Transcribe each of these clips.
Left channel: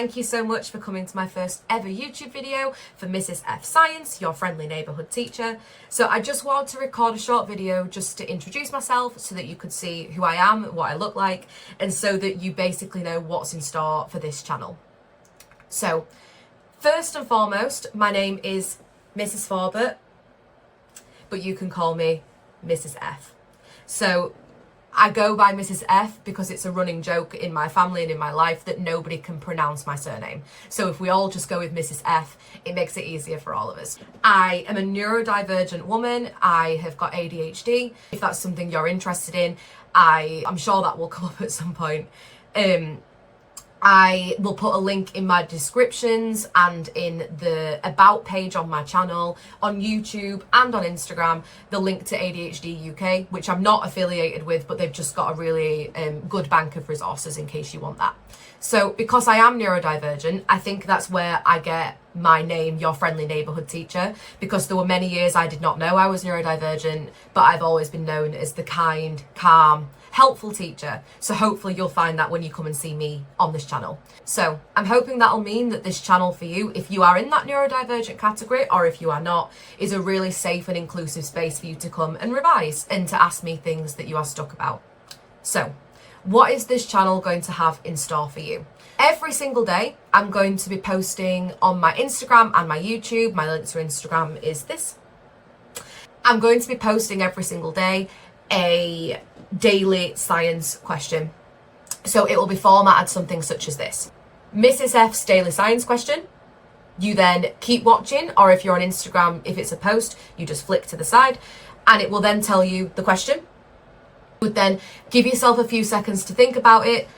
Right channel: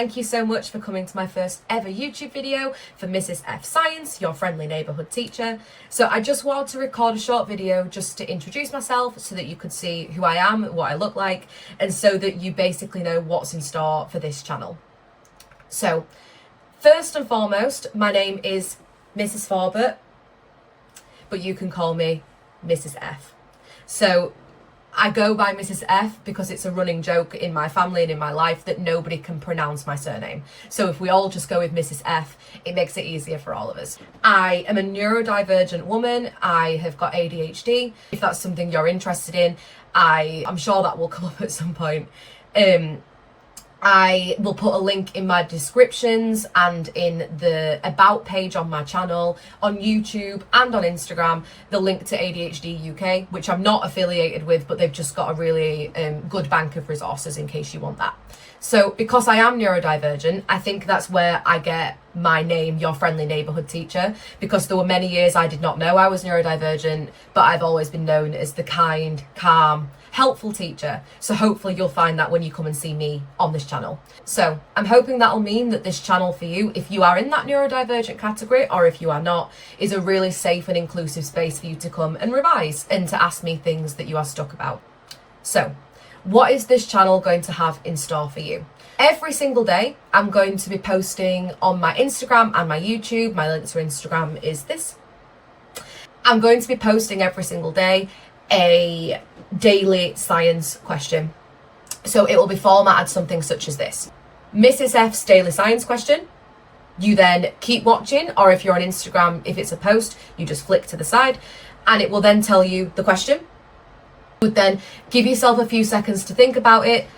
thank you so much for coming to my first ever YouTube video for Mrs. F Science, your friendly neighbourhood teacher. So I just wanted to record a short video just to introduce myself so that you could see who I am, what I look like, and so that you basically know what's in store for this channel. So first and foremost, my name is Mrs. Forbert, but you can call me Mrs. F. So I go by Mrs. F because it's a running joke in my family and in my life that nobody can pronounce my surname. So if we all just go with Mrs. F, it makes it easier for all of us. I am a neurodivergent woman. I have got ADHD. If that's something you're interested in, I'm sure that will come up at some point. I will put a link in my descriptions and in the about page on my channel, on YouTube and on Instagram, the link to ADHD UK, which I'm not affiliated with, but they've just got a really good bank of resources in case you want that. So because I am neurodivergent, I think that's where I get my name, your friendly neighbourhood teacher, because there were many years I did not know I was neurodivergent, but I've always been known as the kind, calm, helpful teacher. So hopefully you'll find that when you come and see me on this channel. So I'm hoping that'll mean that this channel for you, if you are in that neurodivergent category or if you are not, is a really safe and inclusive space for you to come and revise and to ask me things that you are stuck about. So what is this channel going to have in store for you? Every single day, I'm going to be posting on my Instagram and my YouTube. My link to Instagram is this. I'm going to be posting every single day a daily science question. So it will be formatted something such as this. Mrs. F's daily science question. You then keep watching, or if you're on Instagram, if it's a post, you just flick to the side and it will then tell you the question. You would then give yourself a few seconds to think about it,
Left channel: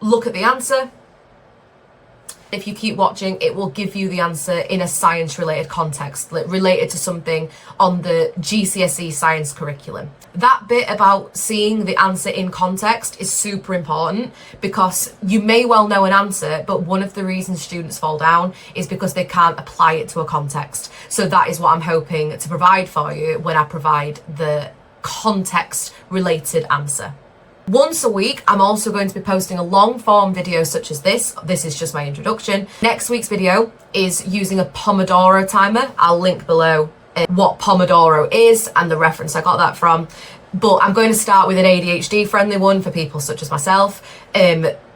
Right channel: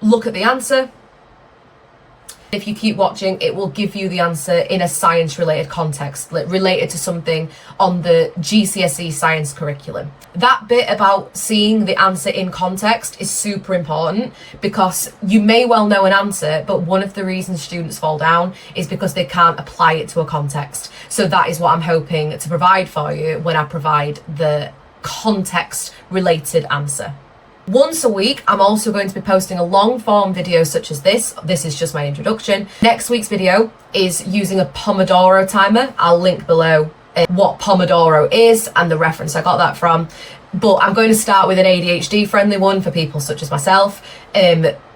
look at the answer. If you keep watching, it will give you the answer in a science related context, related to something on the GCSE Science curriculum. That bit about seeing the answer in context is super important because you may well know an answer, but one of the reasons students fall down is because they can't apply it to a context. So that is what I'm hoping to provide for you when I provide the context related answer. Once a week, I'm also going to be posting a long form video such as this. This is just my introduction. Next week's video is using a Pomodoro timer. I'll link below what Pomodoro is and the reference I got that from. But I'm going to start with an ADHD friendly one for people such as myself.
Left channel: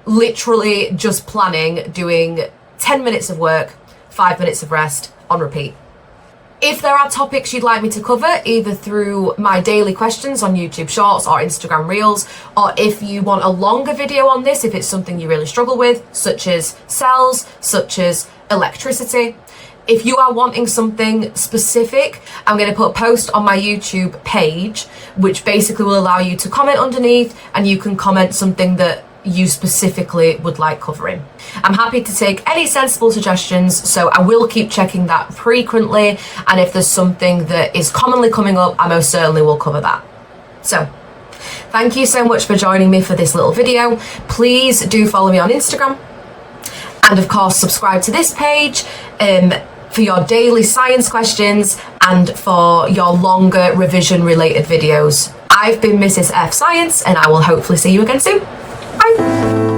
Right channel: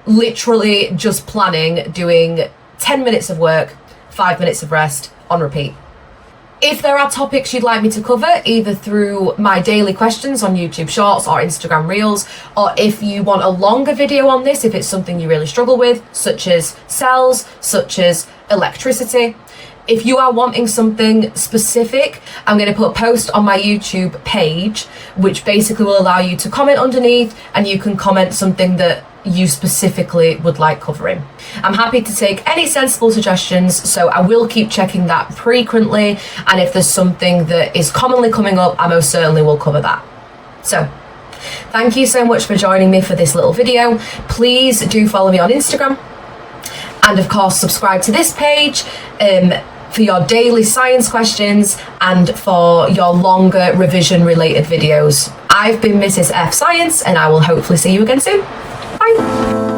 Literally just planning doing 10 minutes of work, 5 minutes of rest on repeat. If there are topics you'd like me to cover, either through my daily questions on YouTube Shorts or Instagram Reels, or if you want a longer video on this, if it's something you really struggle with, such as cells, such as electricity, if you are wanting something specific, I'm going to put a post on my YouTube page, which basically will allow you to comment underneath and you can comment something that you specifically would like covering. I'm happy to take any sensible suggestions, so I will keep checking that frequently, and if there's something that is commonly coming up, I most certainly will cover that. So thank you so much for joining me for this little video. Please do follow me on Instagram, and of course subscribe to this page for your daily science questions and for your longer revision related videos. I've been Mrs. F Science and I will hopefully see you again soon. Bye.